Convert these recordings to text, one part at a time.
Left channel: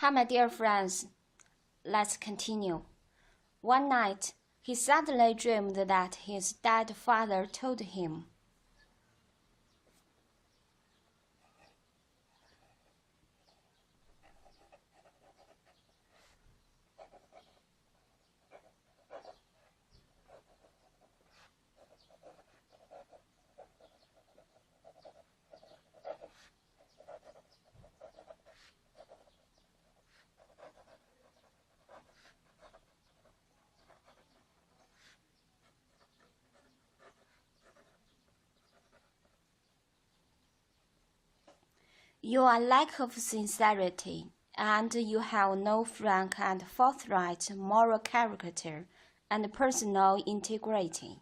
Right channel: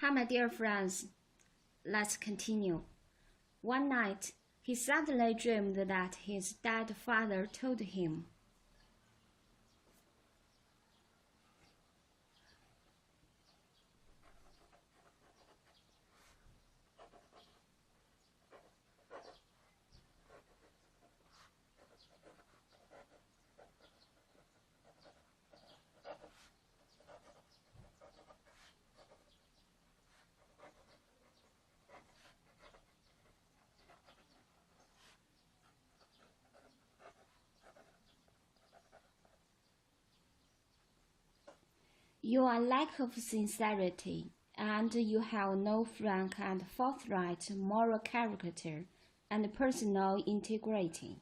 Hi, my dear friends. Let's continue. One night, he suddenly dreamed that his dead father told him, "You are lack of sincerity, and you have no frank and forthright moral character and personal integrity."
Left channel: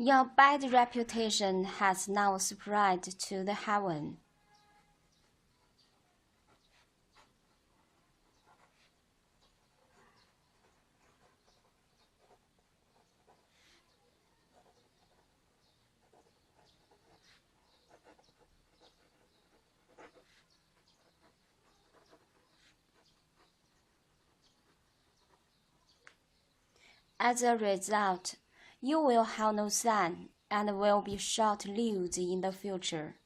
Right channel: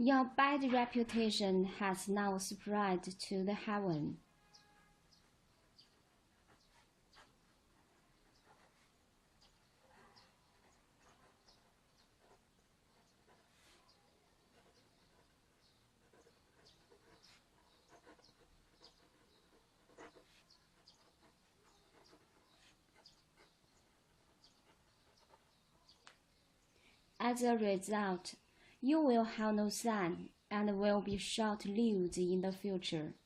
Your bad reputation has now spread to the heaven. As a result, you will have no son and will be short-lived in the future.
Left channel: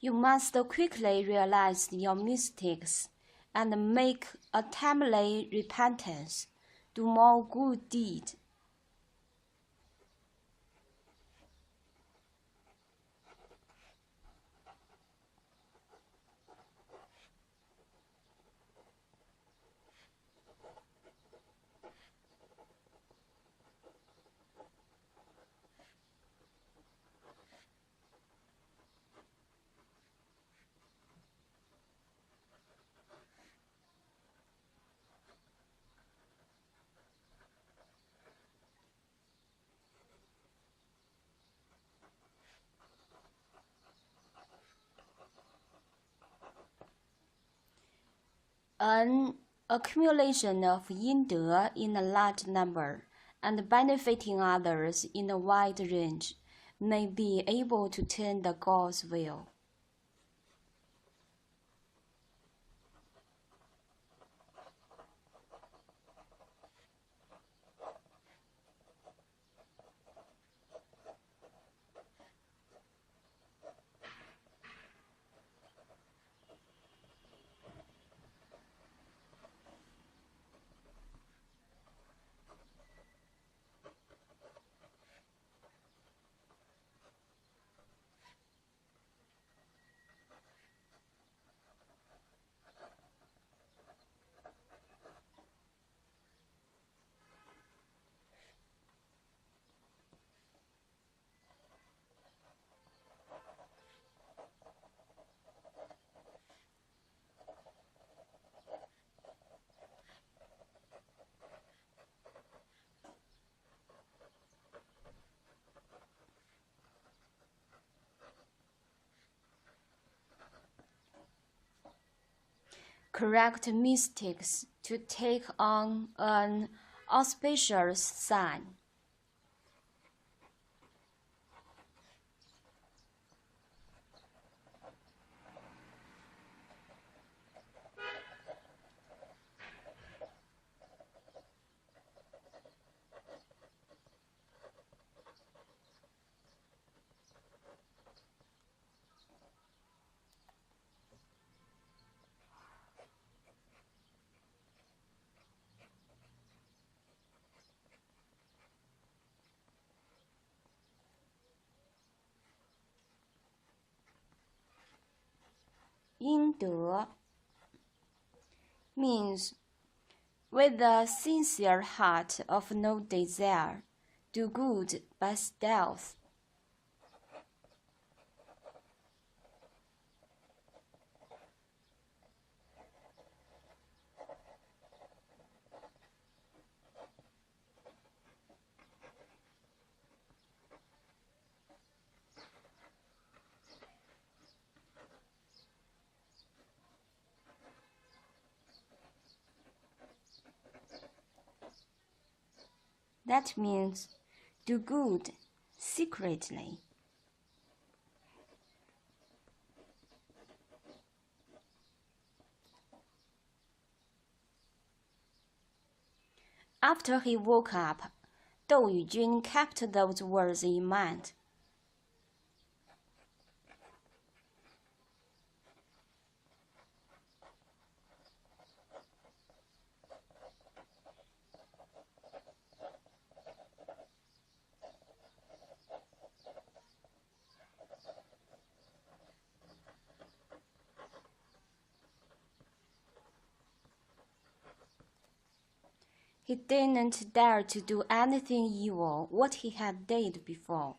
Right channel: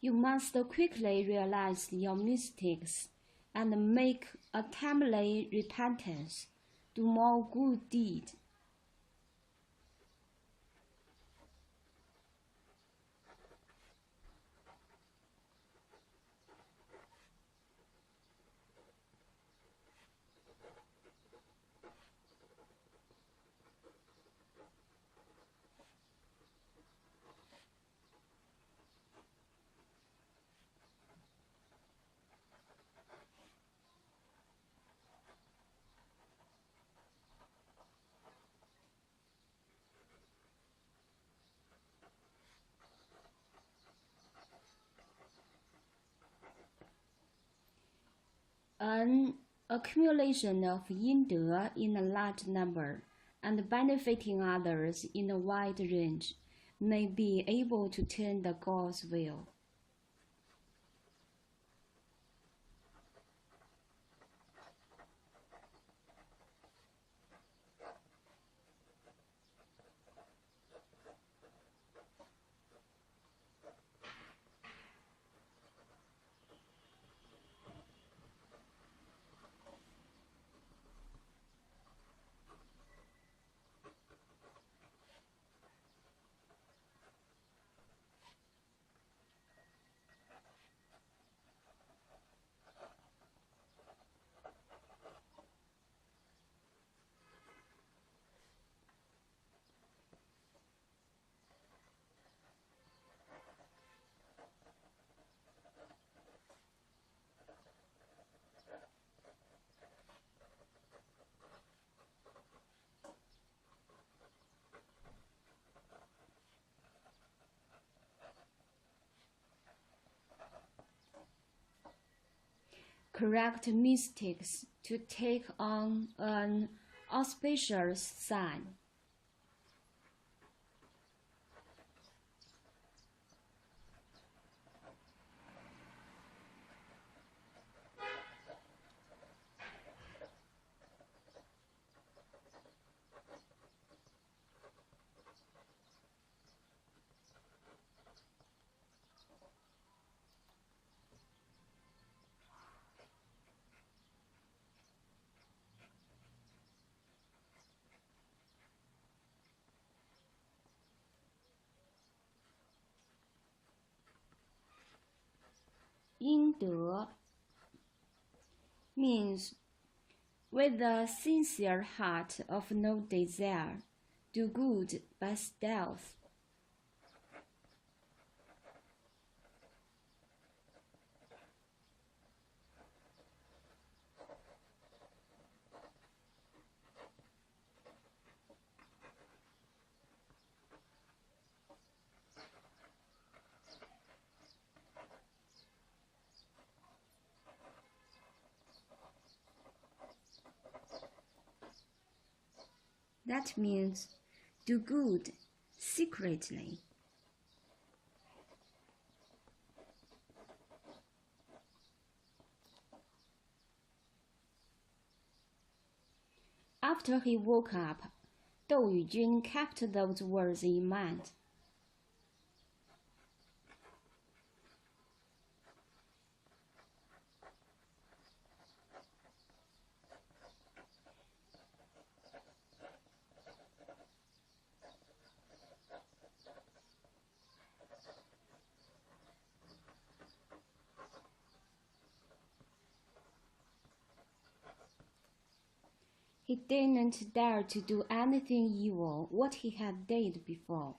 You must quickly realize your mistakes and make a timely repentance. Do more good deeds. An accumulation of yin-de in a large number and benefiting others in a wide range may be able to turn the God's will. Correct mistakes to take on an auspicious sign. 应得 means with a sincere heart of no desire, do good by stealth. That means do good secretly. After he woke up, Dou Yujun kept those words in mind. He didn't dare to do anything evil what he had did before.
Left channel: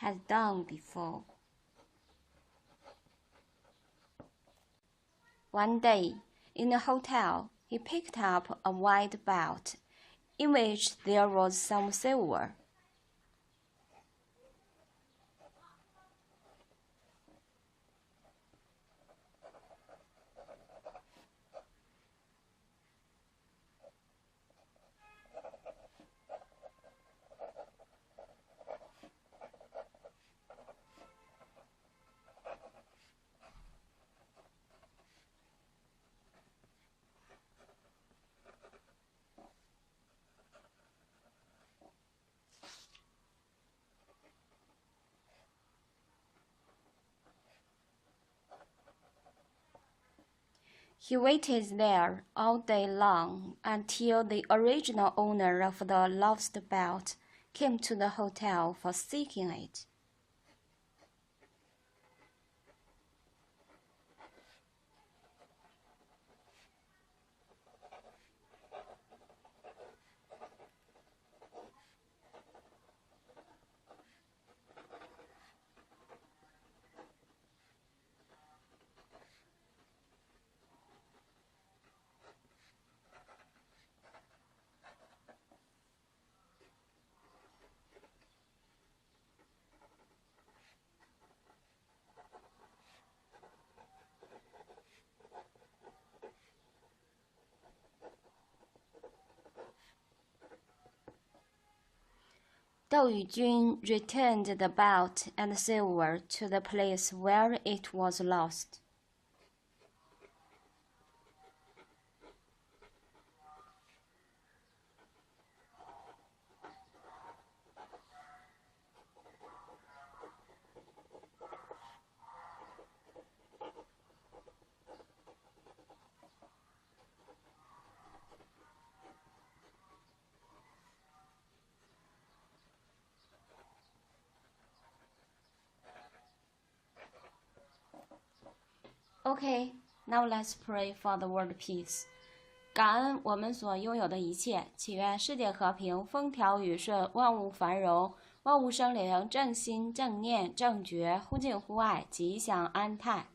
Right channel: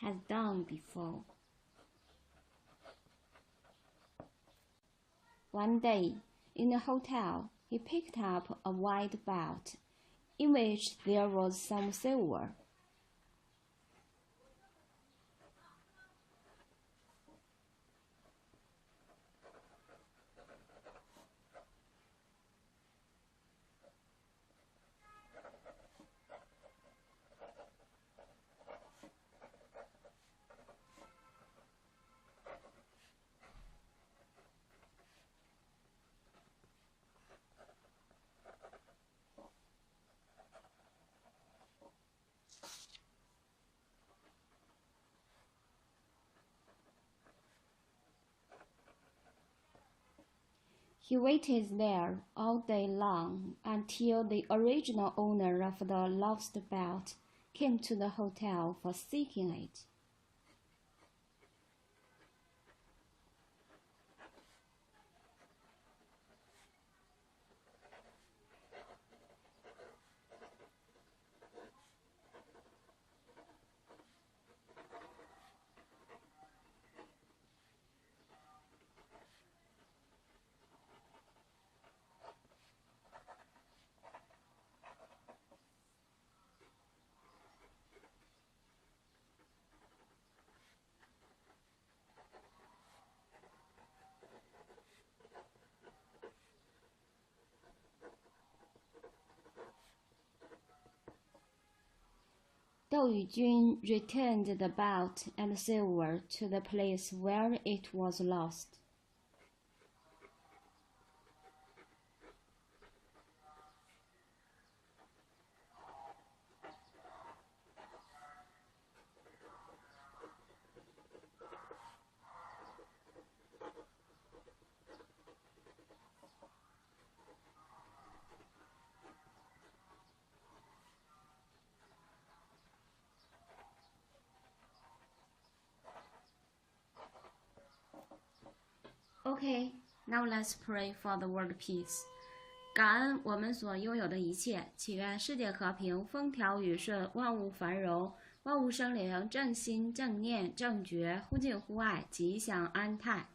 Has done before. One day, in a hotel, he picked up a white belt, in which there was some silver. He waited there all day long until the original owner of the lost belt came to the hotel for seeking it. Dou Yujun returned the belt and silver to the place where it was lost. Okay, now let's pray for the world peace. 感恩我们所拥有的一切，祈愿世界和平，风调雨顺，万物繁荣，万物生灵，正心正念正觉，忽敬忽爱，吉祥安泰。